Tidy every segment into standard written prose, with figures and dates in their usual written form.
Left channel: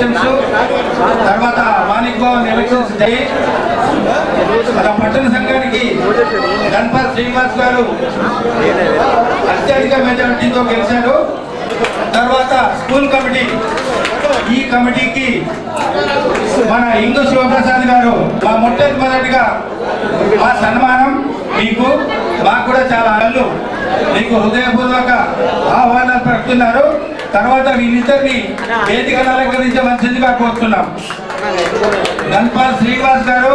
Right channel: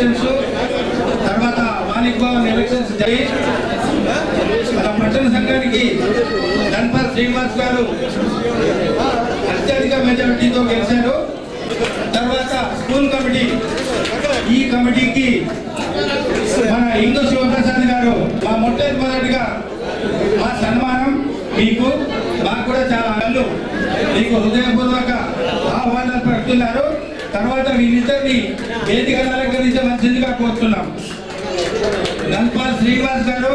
Elections తర్వాత Manik Bhavan elections జరిగి మన పట్టణ సంఘానికి గణపతి శ్రీనివాస్ గారు అత్యధిక మెజారిటీతో గెలిచారు. తర్వాత స్కూల్ కమిటీ, ఈ కమిటీకి మన ఇందు శివప్రసాద్ గారు మా మొట్టమొదటిగా మా సన్మానం మీకు, మాకు కూడా చాలా అల్లు మీకు హృదయపూర్వక ఆహ్వానాలు పడుతున్నారు. తర్వాత వీళ్ళిద్దరిని వేదికను అలంకరించవలసిందిగా కోరుతున్నాం. గణపతి శ్రీనివాస్ గారు.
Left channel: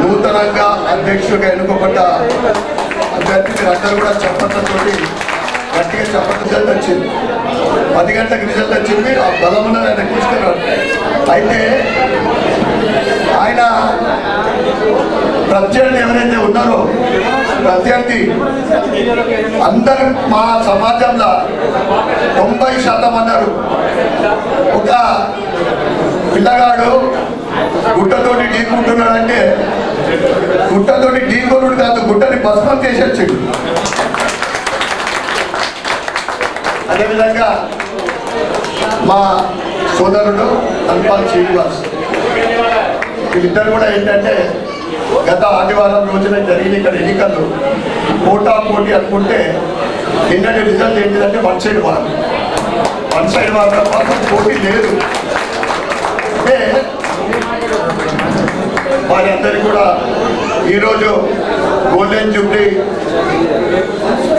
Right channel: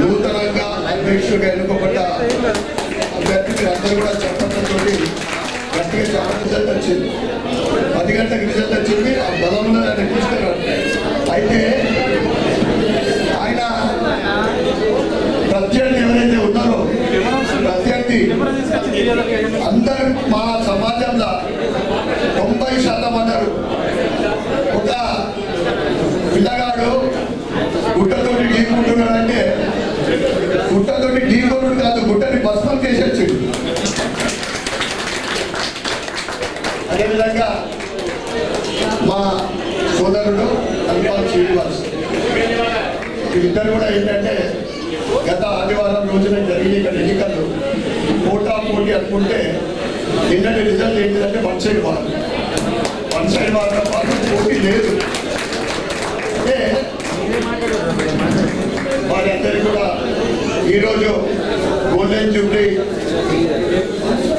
నూతనంగా అధ్యక్షుడిగా ఎన్నుకోబడ్డ అభ్యర్థి అందరూ కూడా చప్పట్లతో గట్టిగా చప్పట్లు రిజల్ట్ వచ్చింది. 10 గంటలకు రిజల్ట్ వచ్చింది. ఆ బలంలో ఆయన తీసుకున్నాడు. అయితే ఆయన ప్రత్యర్థి ఎవరైతే ఉన్నారో ప్రత్యర్థి అందరూ మా సమాజంలో 90% అన్నారు. ఒక పిల్లగాడు గుట్టతోటి ఢీకుంటున్నాడంటే గుట్టతోటి ఢీకొనుడు కాదు, గుట్టని భస్మం చేసేచ్చాడు. అదేవిధంగా మా సోదరుడు గణపతి శ్రీనివాస్, వీళ్ళిద్దరు కూడా ఏంటంటే గత ఆదివారం రోజున జరిగిన ఇక్కడ ఎన్నికలు పోటా పోటీ అనుకుంటే నిన్నటి రిజల్ట్ ఏంటిదంటే వన్ సైడ్ వారం మాత్రం పోటీ లేదు. అంటే వారి అందరికీ కూడా ఈరోజు గోల్డెన్ జూబ్లీ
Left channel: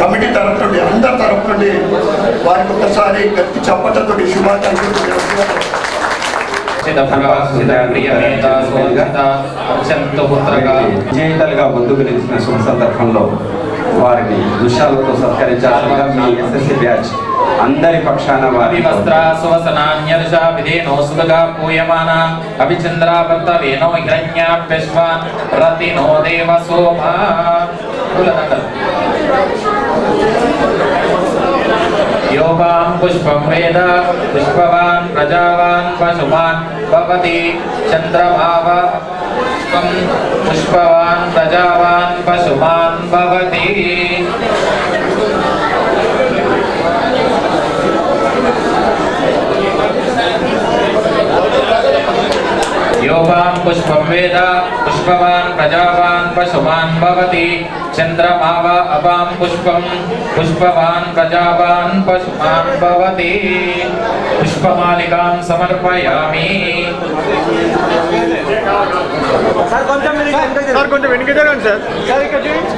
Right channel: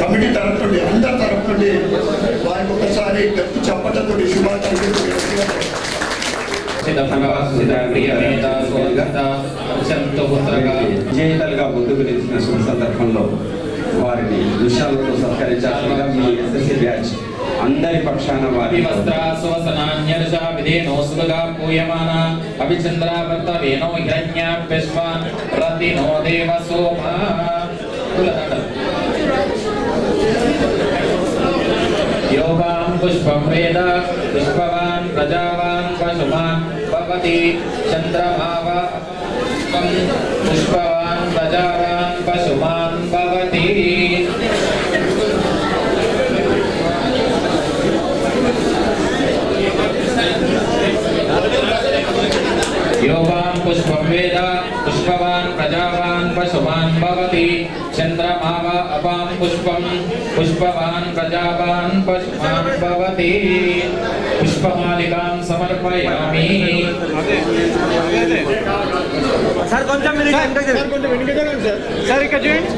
కమిటీ తరఫు నుండి అందరి తరఫు నుండి వారికి ఒకసారి గట్టి చప్పట్లతో శుభాకాంక్షలు విజేతలుగా ముందుకు నిలిచిన శుభ సందర్భంలో వారిని దృశ్యాలతో సత్కరించాల్సిన మీ ఎస్ఎస్సి బ్యాచ్ అందరి పక్షాన వారి వస్త్రాసువసనాన్యర్షా విధేనో సుగగా పూయమాన అభిచంద్రావర్తవేనో హిరణ్యాభ్యశ్వాన్ రతినో దేవసోమా. యోగాం పుష్పం వేద పుష్పవాన్ ప్రజావాన్ పశుమాన్ భవతి చంద్రమావ పుష్పవాన్ ప్రజావాన్ పశుమాన్ భవతి. యోగాం పుష్పం వేద పుష్పవాన్ ప్రజావాన్ పశుమాన్ భవతి చంద్రమావ అపాం పుష్పం పుష్పవాన్ ప్రజావాన్ పశుమాన్ భవతి. పుష్పమాలికాం సమర్పయామి. సార్ కొంచెం వెనక జరగండి సార్. సార్ ఇక్కడ చూడండి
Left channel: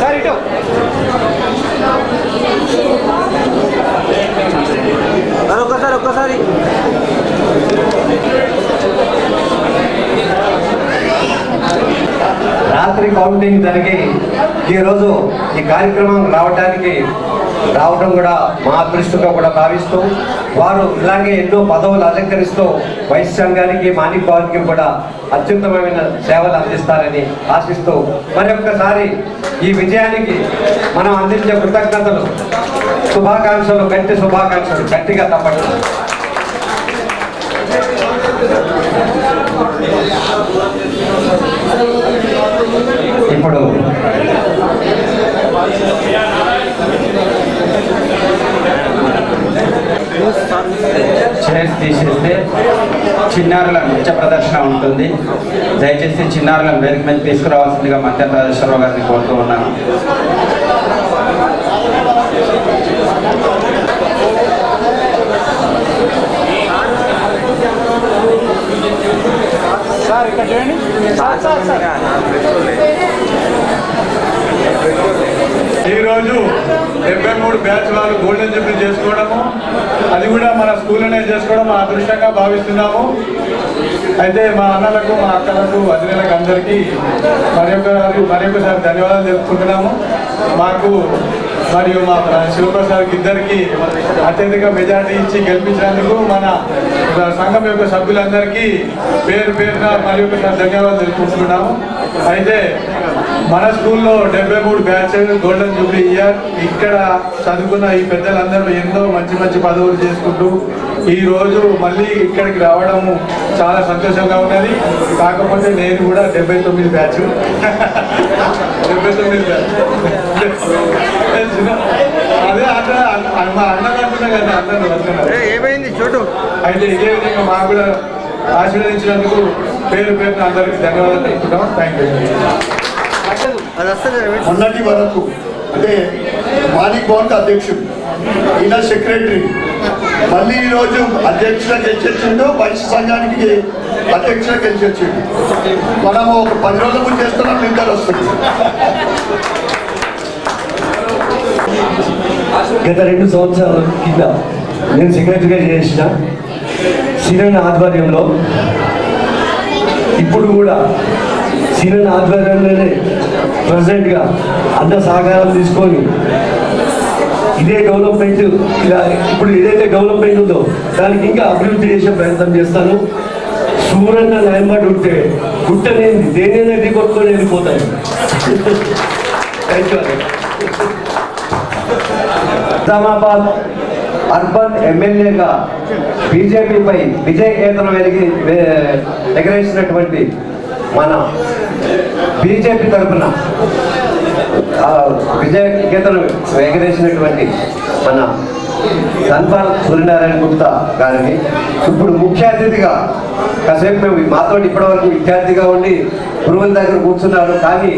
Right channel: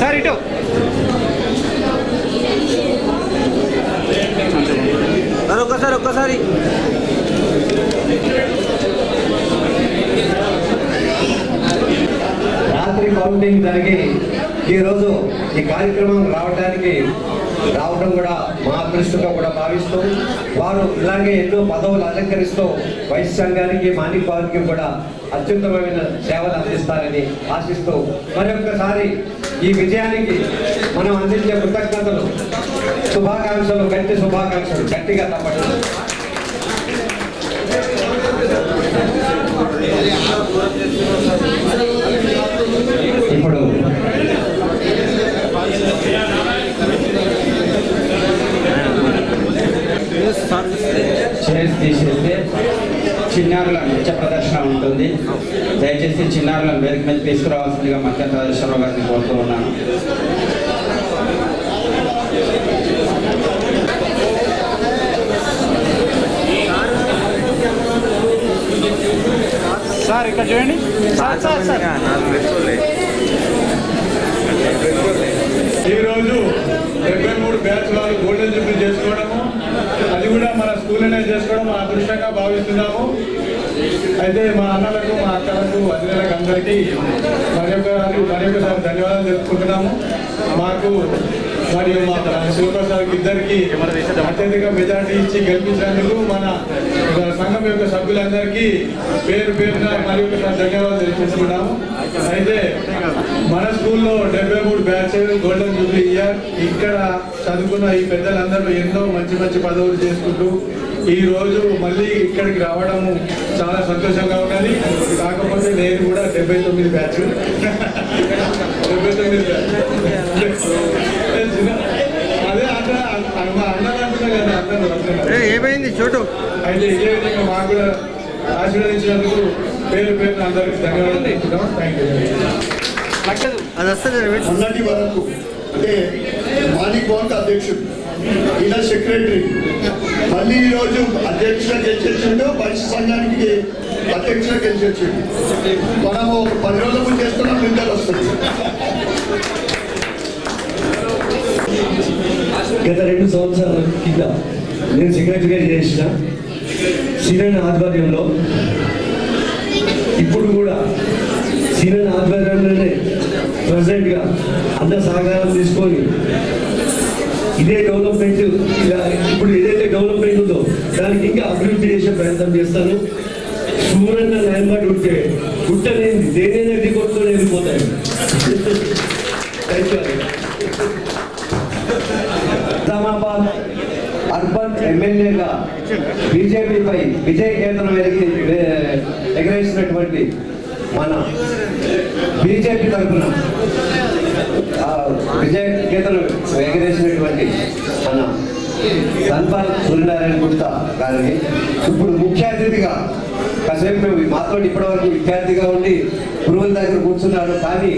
సార్, ఇటు ఒక్కసారి రాత్రి కౌంటింగ్ జరిగి ఈరోజు ఈ కార్యక్రమం రావడం కూడా మా అదృష్టంగా కూడా భావిస్తూ వారు ఇలాగే ఎన్నో పదవులు అలంకరిస్తూ వైస్ సంఘానికి మాణిక్ భవన్కి కూడా అత్యుత్తమమైన సేవలు అందిస్తారని ఆశిస్తూ మరొక్కసారి ఈ విజయానికి మనం అందించే కృతజ్ఞతలు, శుభాకాంక్షలు, గట్టిగా తప్పట్లు. ఇప్పుడు చైర్స్ తీసేస్తే చిన్నారుల నృత్య ప్రదర్శన ఉంటుంది. దయచేసి చిన్నారులను వేదిక మీద తీసుకురావాల్సిందిగా మధ్యాహ్న ప్రదర్శనరావు గారిని కోరుతూ ఉన్నాను. సార్ ఇక్కడ చూడండి. ఈరోజు 73 బ్యాచ్ వాళ్ళు గోల్డెన్ జూబ్లీ చేసుకోవడము, అది కూడా మన స్కూల్లోనే చేసుకోవడం మా అదృష్టంగా భావిస్తున్నాము. అయితే మా అన్నలకు, మా అక్కలకు, వదినలకు అందరికీ మరొకసారి ధన్యవాదాలు తెలుపుకుంటున్నాము. మాకు మరియు మా శివప్రసాద్కి ఇద్దరికి అత్యధిక మెజార్టీ ఇచ్చి గెలిపించినందుకు మన సంఘం యొక్క సభ్యులందరికీ పేరు పేరున మరి ఒకసారి ధన్యవాదాలు తెలుపుకుంటున్నాము. అయితే మన స్కూల్లో 73 బ్యాచ్ గోల్డెన్ జూబ్లీ ఇయర్. ఇక్కడ చదువుకున్న ఈ పెద్దలందరూ ఎన్నో మంచి మంచి పదవులు చేసుకుంటూ ఈ రోజు మళ్ళీ ఇక్కడికి రావడము చాలా సంతోషంగా ఉన్నది. కాకపోతే నేను కూడా 79 బ్యాచ్ 79 బ్యాచ్ అదే మా అన్నలు అంటున్నా కదా, అందరూ వస్తున్నారు. ఏమైంది చోటు? అయితే ఇదే విధంగా మాకు కూడా ఆశీర్వదించినందుకు పేరు పేరున అందరికీ ధన్యవాదాలు చెప్తున్నాం. Thank you. అది వస్తుంది. మొన్నటి వరకు అంటే మాణిక్ భవన్కి అధ్యక్షుడు, ఈయన సెక్రటరీ, మళ్ళీ ఈరోజు అధ్యక్షుడు గెలిచొచ్చిండు, వైశ్య సంఘానికి అధ్యక్షుడు గెలిచొచ్చిండు. మనము ఒక 10 రోజుల ముందు చేస్తున్నాం, నిందలు వస్తుంది. గత 2 సంవత్సరాల కింద నేను సెక్రటరీగా చేసిన సీనన్న ఆధ్వర్యంలో, ఇప్పుడు కూడా సీనన్న ఆధ్వర్యంలోనే ప్రెసిడెంట్గా అన్న సహకారం తీసుకొని ఇదే డెవలప్మెంట్, ఇలా ఇప్పుడు ఏదైతే డెవలప్మెంట్ ఉందో దానికి ఇంకా అభివృద్ధి చేసే ప్రయత్నం చేస్తాను. సూరన్న న్యాయమాట ఉంటే గుట్టనేది దేనైనా ఎది కొట్టుకొని వెళ్ళిపోతాయి. Thank you. నిజామాబాద్ అర్బన్ ఎమ్మెల్యేగా బీజేపీపై విజయ కేతనం ఎగరేసినటువంటి మన బీజేపీ తరఫున విజయ కేతనం ఎగరేసినటువంటి మన ధన్పాల్ సూర్యనారాయణ గుప్తా గారిని ఇప్పుడు ముఖ్య అతిథిగా, కాసేపు మేము మాతో ఇప్పటివరకు విద్యార్థిగా ఉండి గురువుల దగ్గర కూర్చున్నారు, కానీ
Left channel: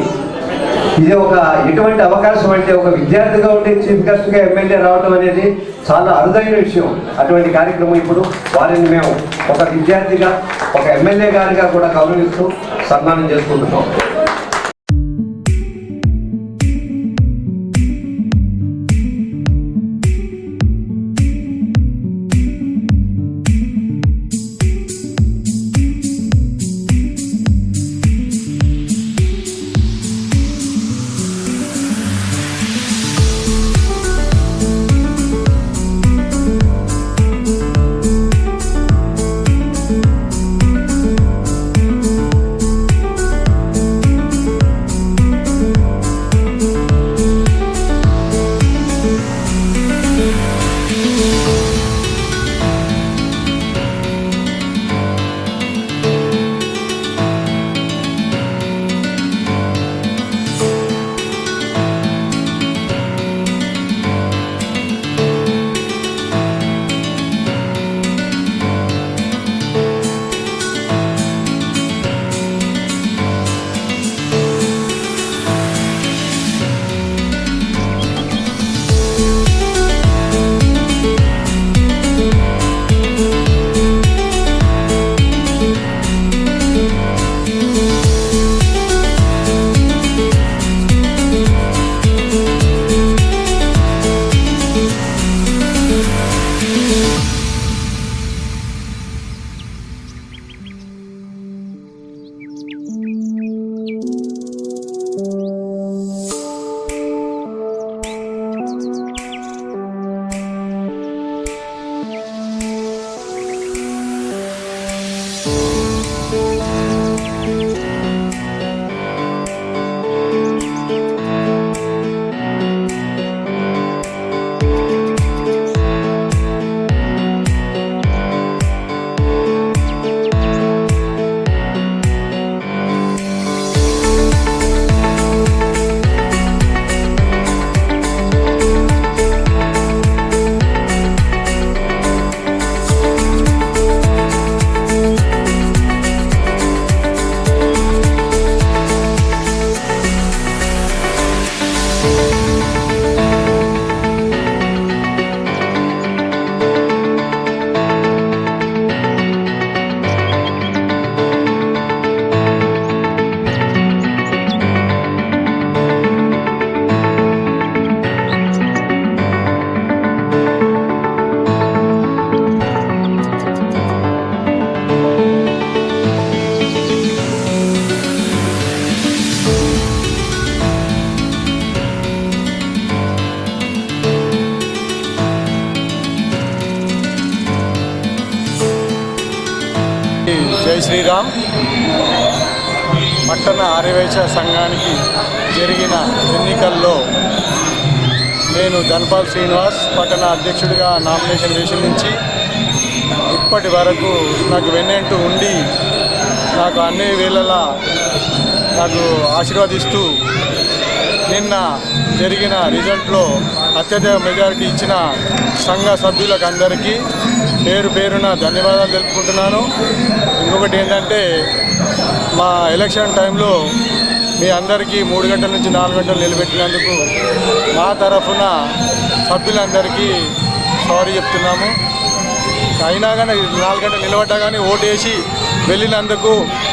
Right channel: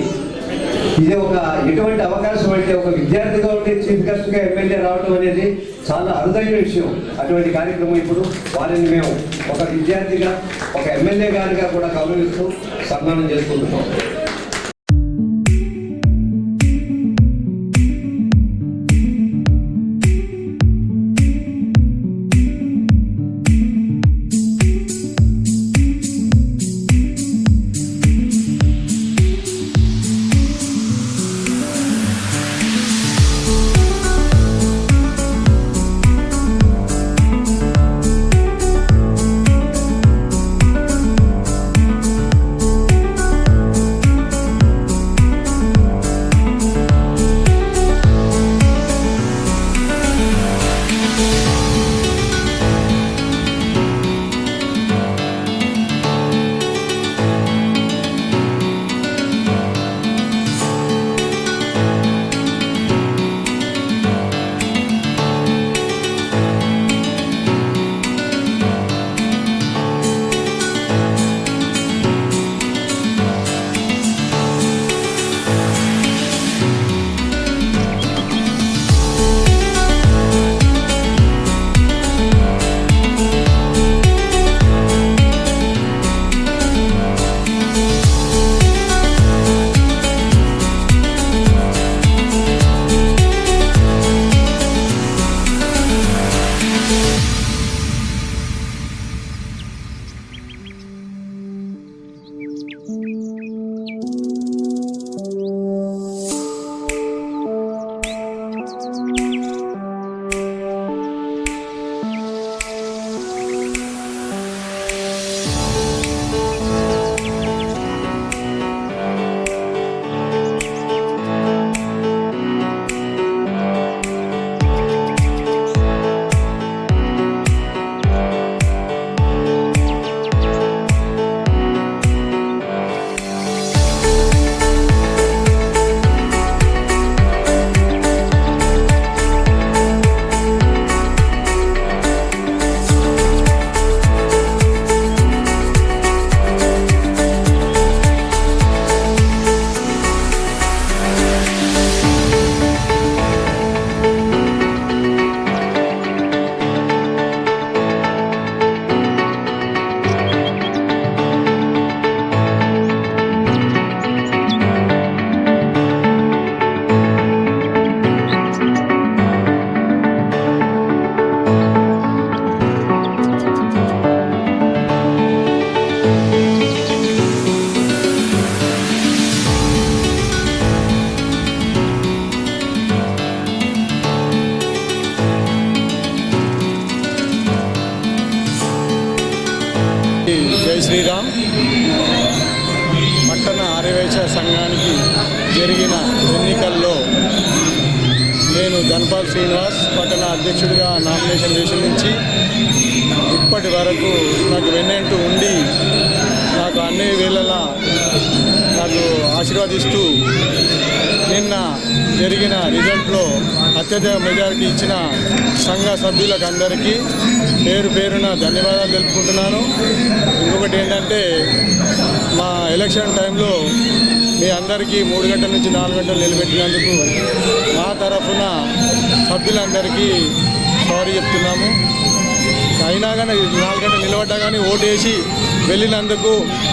ఇది ఒక ఎటువంటి అవకాశం అంటే ఒక విద్యార్థిగా ఉండి చీఫ్ గెస్ట్గా ఎమ్మెల్యే రావడం అనేది చాలా అరుదైన విషయం. అటువంటి కార్యక్రమం ఇప్పుడు వారిని మేము ఒక విద్యార్థిగా, ఒక ఎమ్మెల్యే గారిగా కూడా గౌరవిస్తూ సన్మానం చేసుకుంటున్నాం. జై శ్రీరామ్. పట్టణ ఆర్యవైశ్య సంఘానికి జరిగిన ఎన్నికల్లో నేను ధన్పాల్ శ్రీనివాస్ పట్టణ అధ్యక్షుడిగా నామినేషన్ వేసి నుంచి ఇప్పటి వరకు నాకు వెన్నంటూ ఉండి నాకు అన్ని వేళలా నాకు ఆశీర్వదిస్తూ నిన్న జరిగిన రిజల్ట్లో అత్యధిక మెజారిటీ ఇచ్చిన సంఘ సభ్యులకు అందరికీ పేరు పేరున ధన్యవాదాలు తెలుపుకుంటున్నాను. ఇంకొకటి ఏంటంటే మా ఎలక్షన్ టైంలో మీ అందరికీ 3 గంటల నుంచి 4 గంటలు నిలబెట్టినందుకు మా తరఫున సభ్యులందరికీ సారీ చెప్తున్నాము. అయినా కానీ 4 గంటలు నిలబడ్డా కానీ ఓటేసి వెళ్ళినందుకు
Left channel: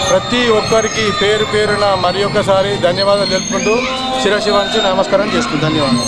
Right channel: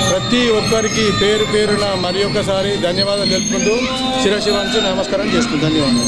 ప్రతి ఒక్కరికి పేరు పేరున మరి ఒక్కసారి ధన్యవాదాలు తెలుపుకుంటూ శిరస్సు వంచి నమస్కారం చేసుకుంటాను. ధన్యవాదాలు.